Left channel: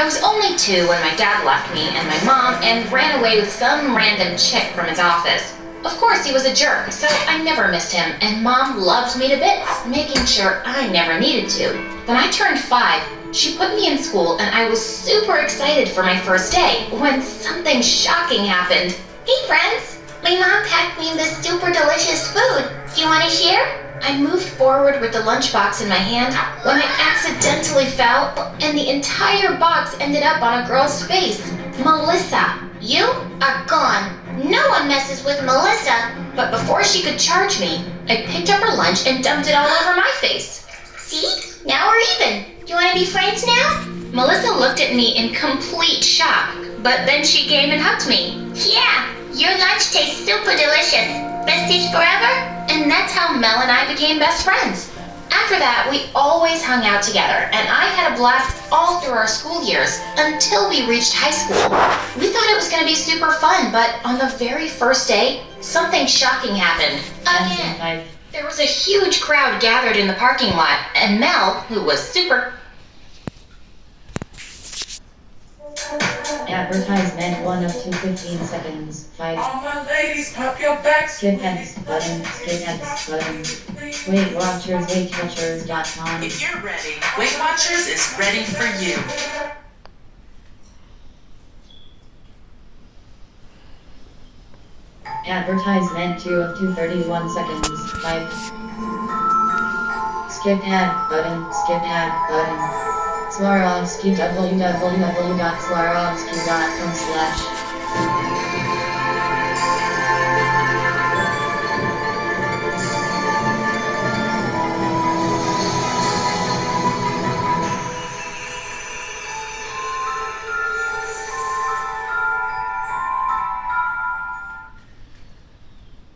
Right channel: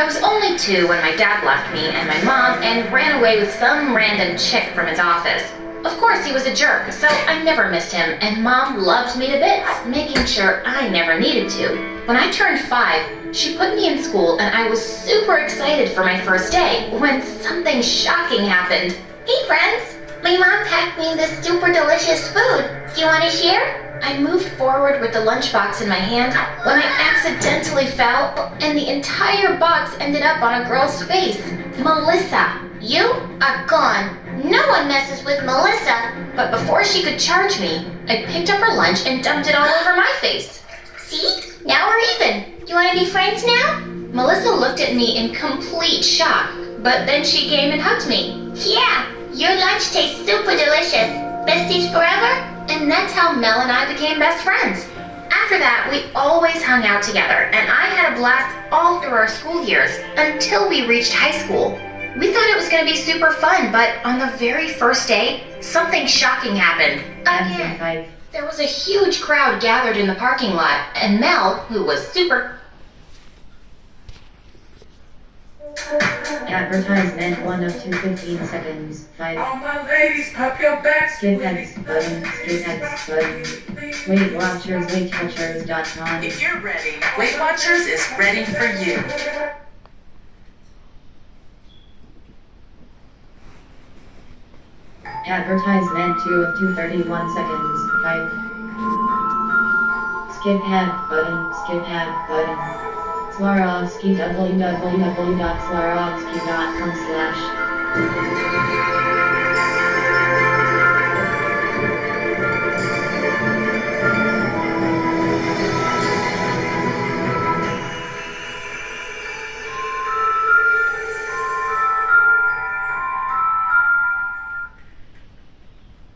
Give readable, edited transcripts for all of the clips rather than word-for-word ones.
I was only 2 when my dad left me and my mom and ran away with some random chick from his office. Of course, he was a jerk, so I never missed him, and Mom loved me to bits, making sure I never needed to. When I turned 5, she put me in school, and I was super excited for my first day when something shocking happened. Hey friends, my mom packed me this super delicious food. Do you want to share? I moved forward with the lunchbox in my hand when I accidentally fell, and the entire box ended up on a girl's face. Melissa, you are gone. No one messes with Melissa. But before she could charge me, I picked up her lunch and dumped it all over my face. See? Now we're even. Do you want to be friends now? Melissa looked at me in complete shock, but then she came and hugged me. Yeah, your lunch tastes super delicious. Besties forever? And that's how Mel and I became best friends. After that, we always hung out together, and I had a blast all through our school years until we reached high school. We thought it was going to be super fun, but on the very first day, something shocking happened. Again. There was a huge crowd gathered in the parking lot, and Mel, who was super... Advertisement 1 up to 15 seconds. 5. All my ladies, pop your backs. Skip next button. Skip next button. Weight Watchers, WeightWatchers.com. If you're ready, Weight Watchers is ready for you. Advertisement 2 up to 31 seconds. 5. Skip ad button. Skip ad button. Swarovski, www.swarovski.com/.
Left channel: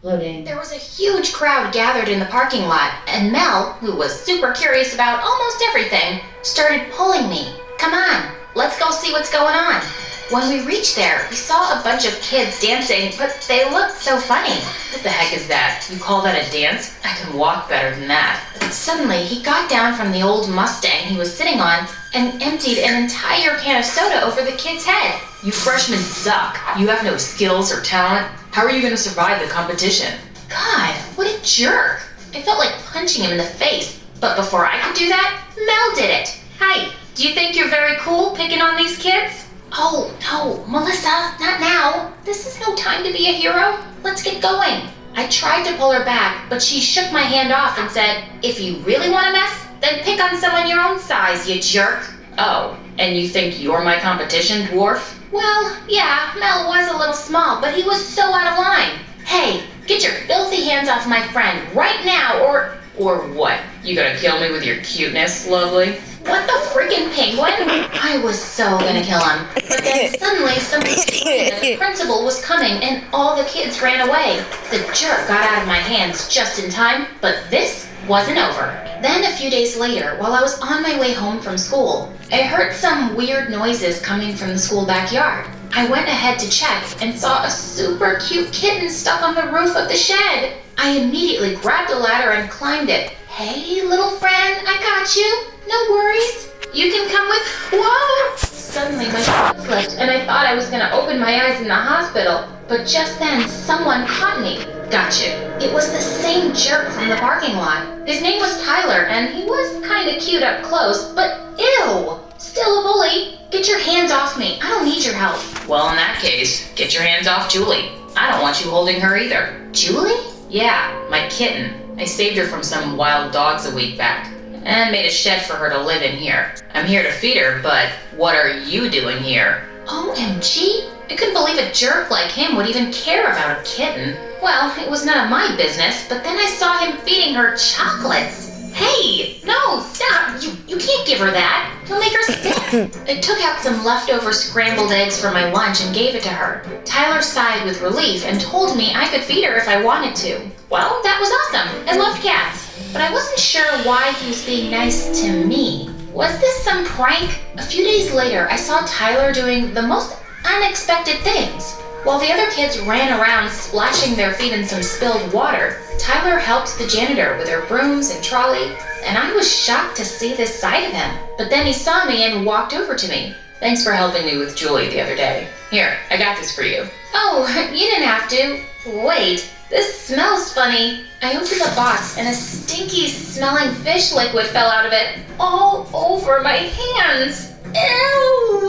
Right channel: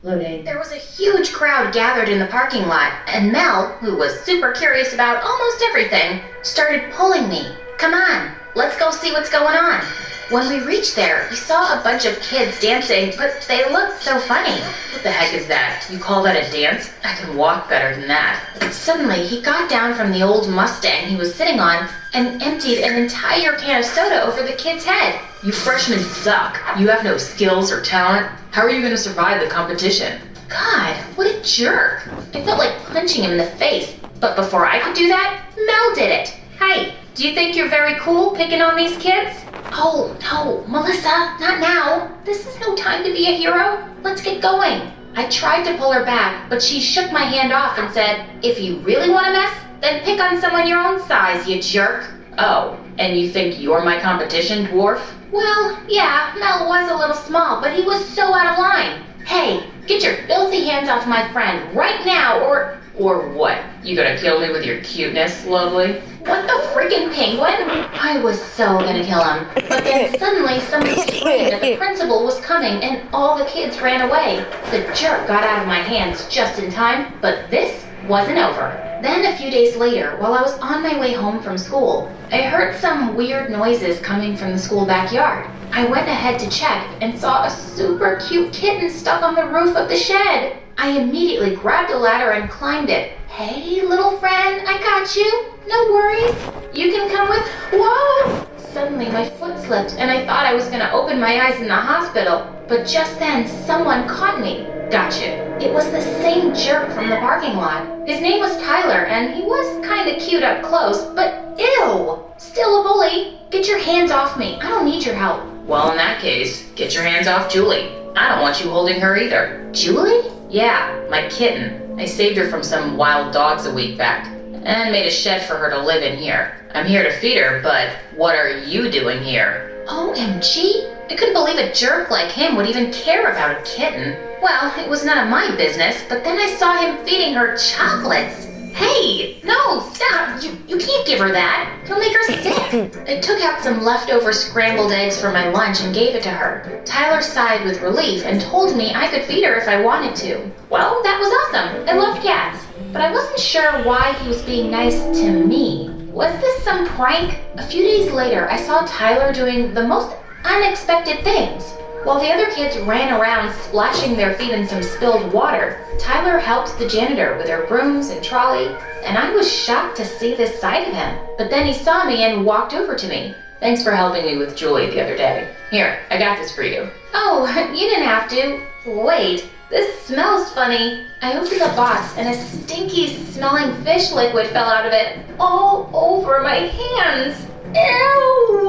Loading. There was a huge crowd gathered in the parking lot, and Mel, who was super curious about almost everything, started pulling me. Come on, let's go see what's going on. When we reached there, we saw a bunch of kids dancing, but they looked so funny. What the heck is that? You call that a dance? I can walk better than that. Suddenly, he got down from the old Mustang he was sitting on and emptied an entire can of soda over the kid's head. You freshmen suck. You have no skills or talent. How are you going to survive the competition? God, what a jerk. I felt like punching him in the face. But before I could do that, Mel did it. Hey, do you think you're very cool picking on these kids? Oh, no, Melissa, not now. This is no time to be a hero. Let's get going. I tried to pull her back, but she shook my hand off and said, if you really want to mess, then pick on someone your own size, you jerk. Oh, and you think you're my competition, dwarf? Well, yeah, Mel was a little small, but he was so out of line. Hey, get your filthy hands off my friend right now, or what? You gonna kill me with your cuteness, lovely? What the freaking penguin? I was so gonna kill him, but then suddenly somebody screamed that the principal was coming and all the kids ran away. The jerk got out of my hands just in time, but this wasn't over. Then a few days later, while I was on my way home from school, I heard some weird noises coming from the school backyard. I went ahead to check and saw a super cute kitten stuck on the roof of the shed. I immediately grabbed a ladder and climbed it. Hey, little friend, I got you. No worries. You can come with... Whoa! Suddenly my foot slipped and I thought I was going to open my eyes in the hospital. But just then, someone caught me. Gotcha. It was the same jerk from the parking lot. His name was Tyler, and he was kind of cute up close, but ew! Still a bully. Get your hands off me. I don't need your help. Well, in that case, get your hands off Julie. I don't want you holding her either. Julie? Yeah, my kitten. I saved her from some wild dogs a week back and made a shed for her to live in here. I'm here to feed her, but what are you doing here? OMG! I couldn't believe a jerk like him would even care about a kitten. Well, it was none of my business, but then I saw him feeding her chocolates. Hey, no, stop. You can't give her that. You'll make her sick. I took out some leftover scrambled eggs for my lunch and gave it to her. Tyler sighed with relief and told me I could feed her if I wanted to. Well, that was awesome. I love cats. But I wasn't sure why he was being nice to me. Was this some prank? A few days later, I saw Tyler doing the most unexpected things. While the other kids ran around splashing their feet in some spilled water, Tyler helped the janitor with her brooms and trolley, and I was shocked to see this side of him. But then he saw me and walked over to me. Thanks for helping me with Julie the other day. Here, I got this for you. Oh, you didn't have to. Wait, this smells funny. I opened the box and a stinky smelling fish liquid fell out of it all over my hands. Ew!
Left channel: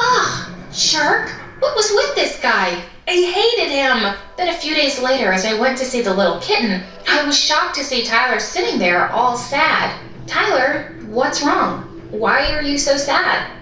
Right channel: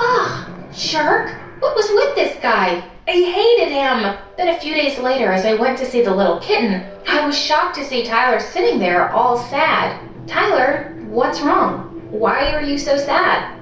Ugh, jerk. What was with this guy? I hated him. Then a few days later, as I went to see the little kitten, I was shocked to see Tyler sitting there all sad. Tyler, what's wrong? Why are you so sad?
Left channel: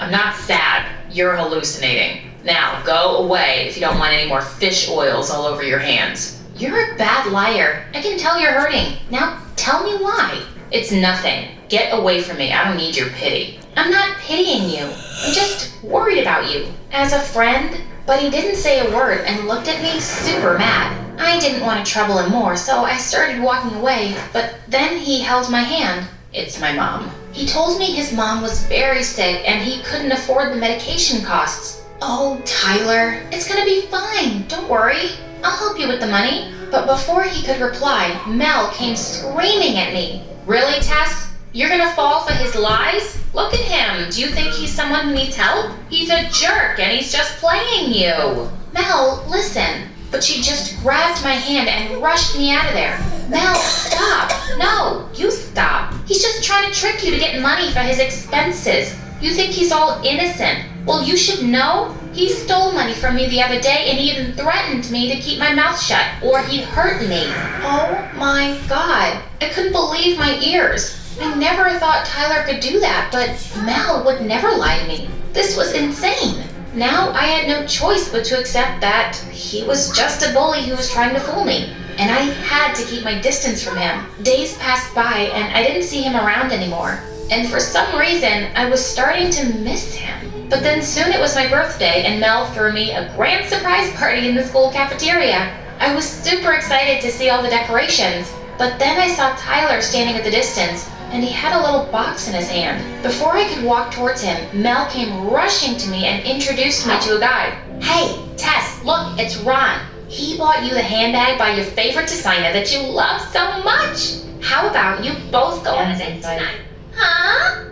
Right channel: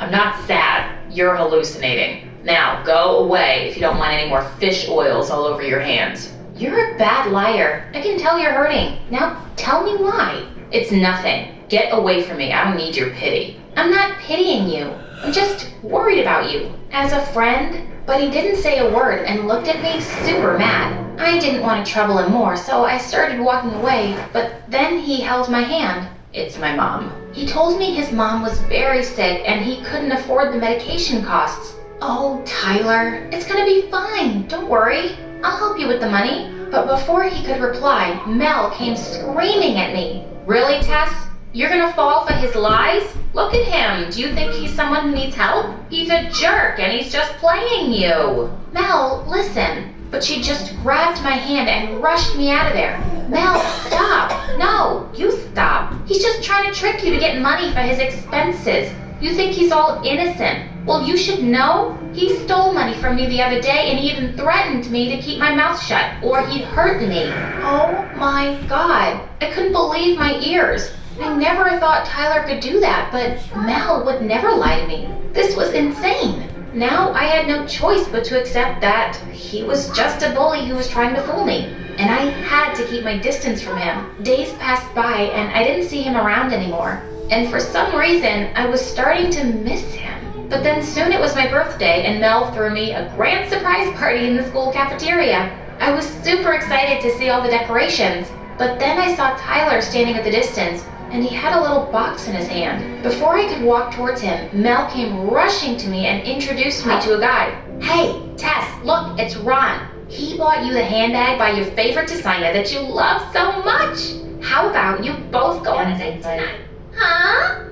I'm not sad. You're hallucinating. Now, go away if you don't want any more fish oils all over your hands. You're a bad liar. I can tell you're hurting. Now, tell me why. It's nothing. Get away from me. I don't need your pity. I'm not pitying you. I'm just worried about you. As a friend. But he didn't say a word and looked at me super mad. I didn't want to trouble him more, so I started walking away, but then he held my hand. It's my mom. He told me his mom was very sick and he couldn't afford the medication costs. Oh, Tyler, it's gonna be fine. Don't worry. I'll help you with the money. But before he could reply, Mel came screaming at me. Really, Tess? You're gonna fall for his lies? Look at him. Do you think he's someone who needs help? He's a jerk and he's just playing you. Mel, listen. But she just grabbed my hand and rushed me out of there. Mel, stop. No, you stop. He's just trying to trick you to get money for his expenses. You think he's all innocent. Well, you should know. He stole money from me the other day and he even threatened me to keep my mouth shut or he'd hurt me. Oh my God. I couldn't believe my ears. I never thought Tyler could do that, but Mel would never lie to me. This was insane. Now I had no choice but to accept that he was just a bully who was trying to fool me. And I had to keep my distance from him. Days passed by and I didn't see him around anymore. And for some reason, I was starting to miss him. But then soon it was my birthday and Mel threw me a grand surprise party in the school cafeteria. I was super excited to see all the decorations. But then I saw Tyler standing at the distance and he had a little box in his hand. Before I could walk towards him, Mel came rushing to me and introduced me to a guy. Hey, Tess, look, it's Ron. He bought you the handbag by your favorite designer that you love so much. How about you both go on a date tonight? Huh?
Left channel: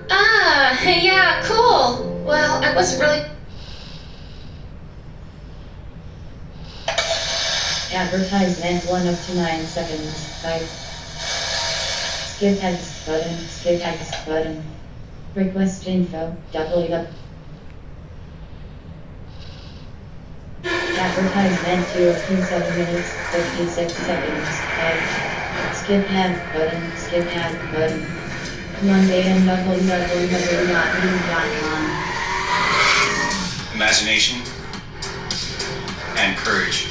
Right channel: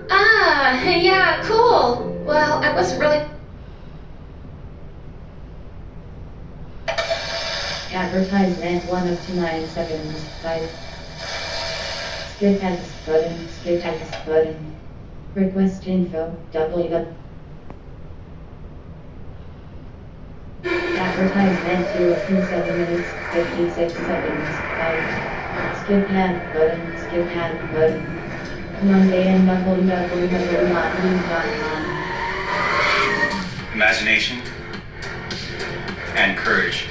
Yeah, cool. Well, I wasn't really... Advertisement 1 of 9 seconds. Type. Skip text button. Skip text button. Request info. www. Advertisement 2 of 7 minutes 56 seconds. Type. Skip ad button. Skip ad button. Monday and www.news.com. Imagination and courage